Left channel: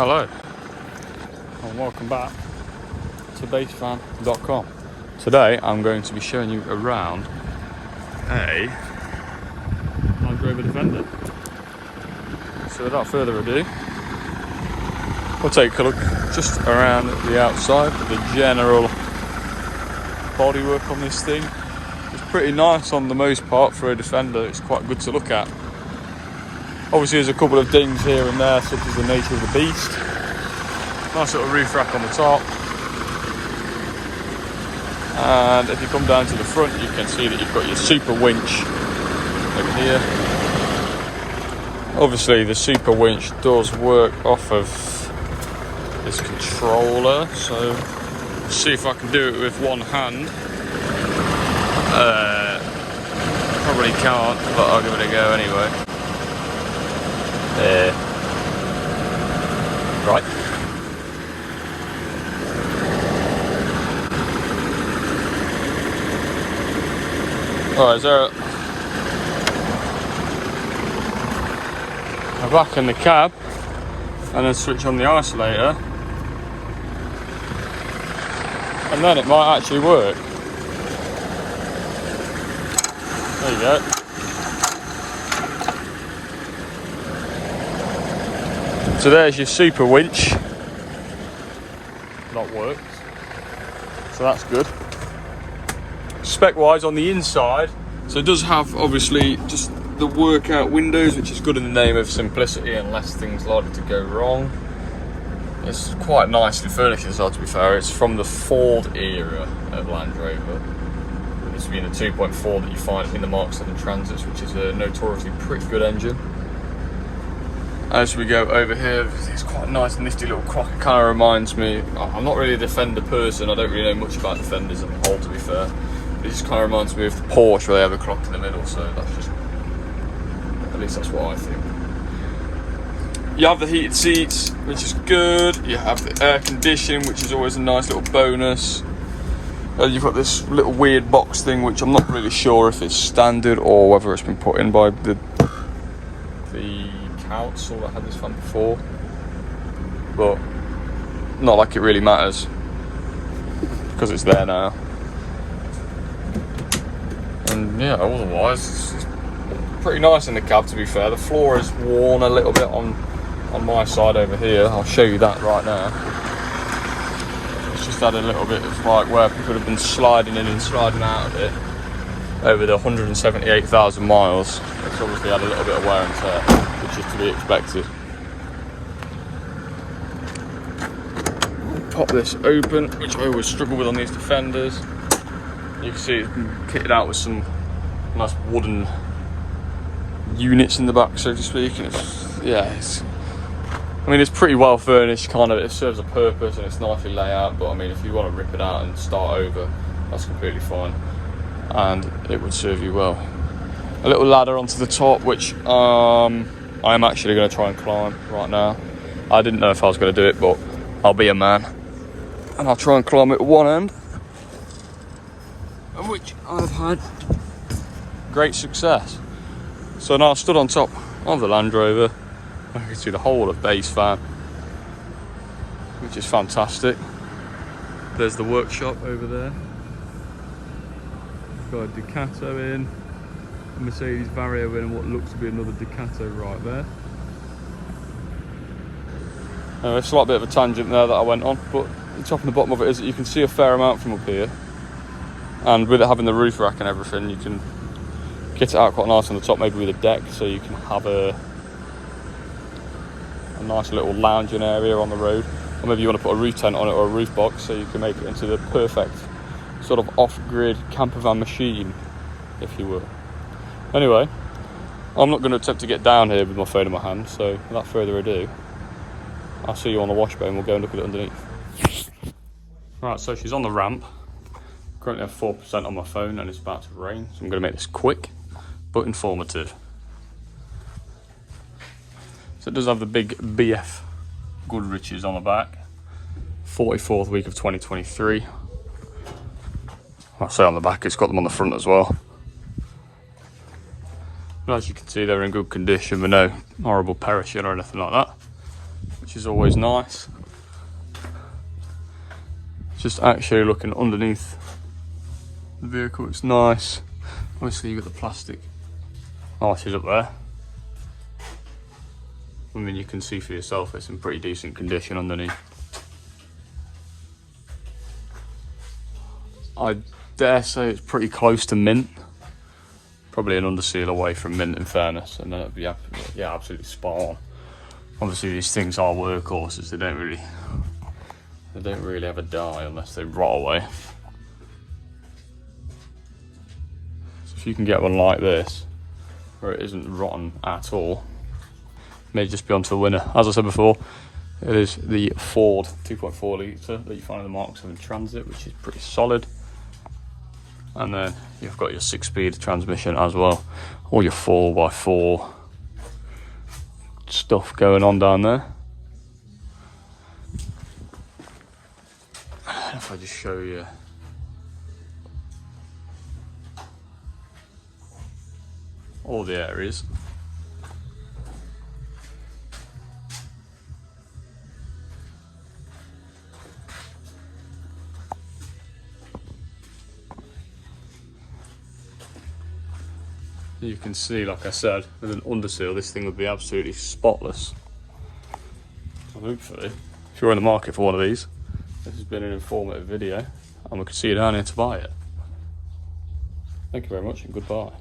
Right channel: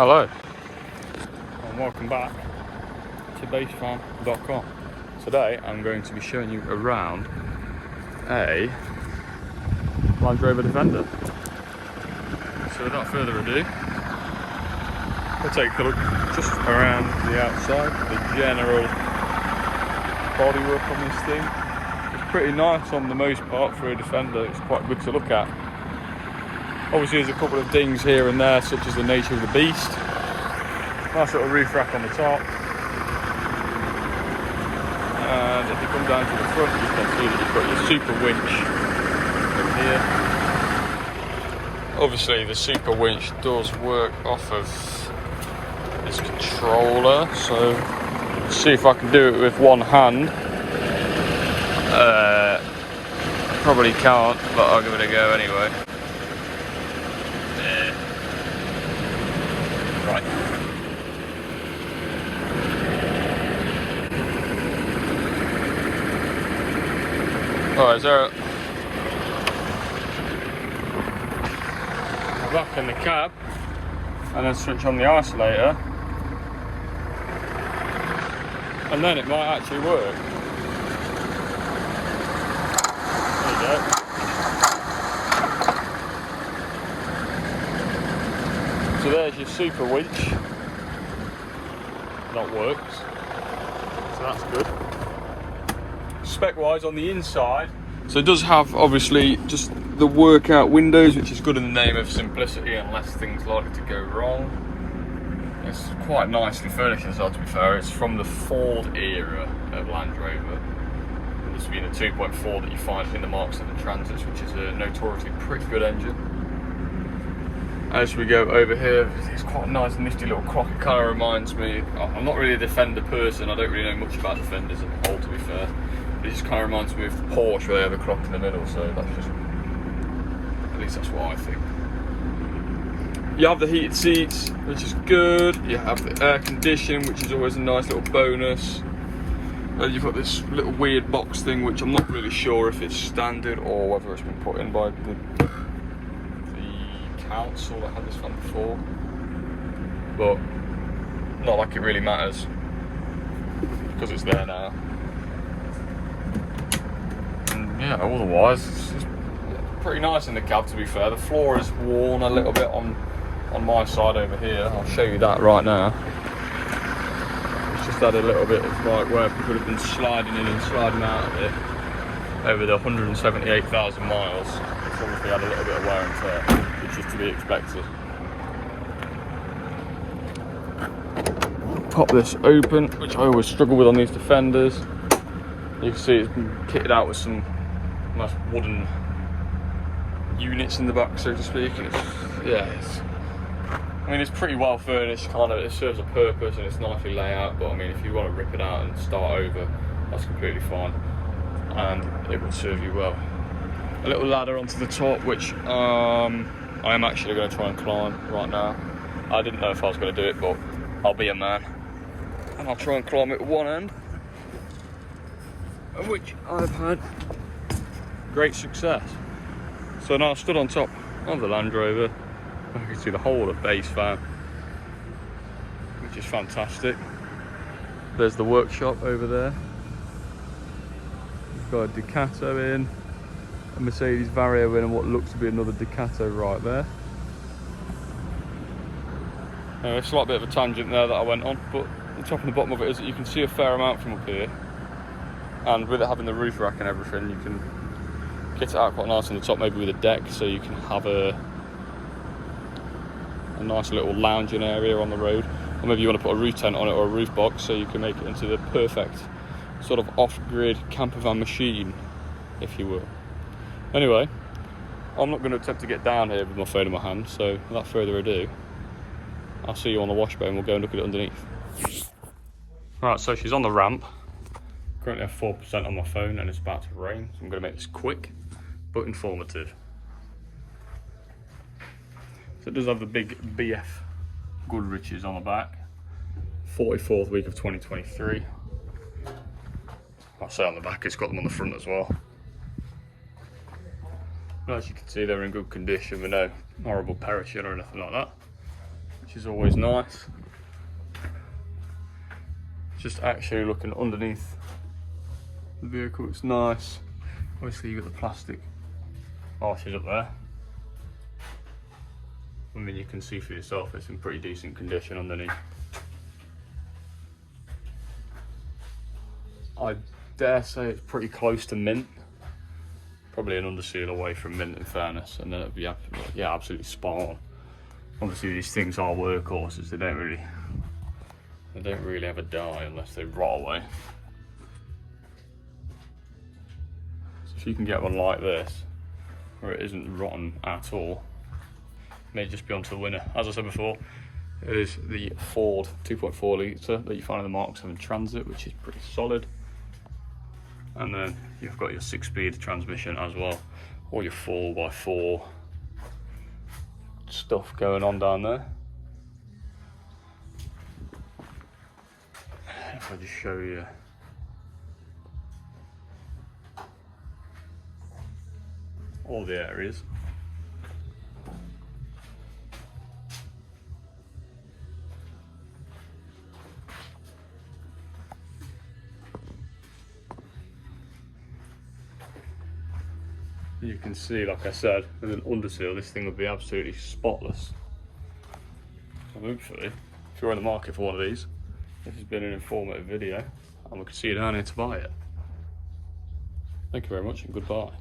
Hello and welcome back to basefan.com. Today I'm going to be showing you around a Land Rover Defender. So without further ado, we'll take a look just around the outside. The general bodywork on this thing is pretty nice on the most part for a Defender. It's quite good to look at. Obviously there's a couple of dings here and there, such as the nature of the beast. Nice little roof rack on the top. And if you come down to the front, you can see that you've got your super winch over here. Obviously the super winch does work off of this controller, so see if I can do it with one hand. I probably can't, but I'll give it a go anyway. Right. Alright, so I'm back in the cab and then switch on the isolator, and then it might actually work. There you go. So there's your super winch. That works. So that's good. Spec wise on the inside, so it does have obviously just the workout windows, which is good in the name of simplicity and less things likely to go wrong. It's quite nicely furnished inside, to be fair. It's from the Ford era of Land Rover. It's been a 2.4 that you find in the Mark 7 Transits, which is a notoriously pretty good engine. As we go over here, it's quite a nice nifty little crock. It kind of reminds me, I'm not really a Defender person, I don't really know much about Defenders on the whole, to be fair. It just kind of reminds me of the Porsche where they have a clock in the middle, so that's just, at least that's what I think. You have the heated seats, which is good. You have the air conditioning, which is always a nice little bonus. And you've got this little weird box thing, which I'm not really sure if it's standard or whether it's been put in by the council that had this fan before. But not like it really matters, because it's there now. And yeah, otherwise it's pretty nice in the cab, to be fair. The floor is worn a little bit on my side over here. I'll show you that right now. It's just had a little bit of like where people have been sliding in and sliding out of it over the 178,000 miles. It's obviously had a little bit of wear and tear, which is to be expected. Pop this open, which I always struggle with on these Defenders. You can see it's been kitted out with some nice wooden units in the back, so to speak. And it's pretty well furnished, kind of. It serves a purpose and it's nicely laid out, but I mean, if you want to rip it out and start over, that's completely fine, and it would serve you well. A little ladder onto the top, which I am actually going to try and climb right now. I didn't know if I was going to do it, but I'll be a man and I'll try and climb it at one end, and which I've had great success. So now I've stood on top of the Land Rover. I can see the whole of base fan, which is fantastic. There's the workshop over there. We've got a Ducato in, a Mercedes Vario in, and what looks to be another Ducato right there. It's a slight bit of a tangent there that I went on, but the top and the bottom of it is that you can see a fair amount from up here. And with it having the roof rack and everything, you can kit it out quite nice on the top, maybe with a deck, so you can have a nice little lounging area on the road. Or maybe you want to put a roof tent on it or a roof box, so you can make it into the perfect sort of off-grid camper van machine, if you will. Anyway, I'm not going to attempt to get down here with my phone in my hand, so without further ado, I'll see you on the washbow and we'll go and look at it underneath. Right, so she's on the ramp. Currently have 4% on my phone and it's about to rain, so I'm going to make this quick but informative. So it does have the big BF Goodriches on the back. 44th week of 2023. I say on the back, it's got them on the front as well. But as you can see, they're in good condition with no horrible perishing or anything like that, which is always nice. Just actually looking underneath the vehicle, it's nice. Obviously you've got the plastic arches up there. I mean, you can see for yourself it's in pretty decent condition underneath. I dare say it's pretty close to mint. Probably an underseal away from mint in fairness, and then it'd be absolutely spot on. Obviously these things are workhorses, they don't really have a die unless they rot away. So if you can get one like this, where it isn't rotten at all, may just be onto the winner. As I said before, it is the Ford 2.4 litre that you find in the Mark 7 Transit, which is pretty solid. And then you've got your 6-speed transmission as well, all your 4x4 stuff going on down there. If I just show you all the areas. You can see, like I said, with an underseal, this thing would be absolutely spotless. So hopefully, if you're in the market for one of these, this has been an informative video, and we can see you down here to buy it. Thank you very much, and goodbye.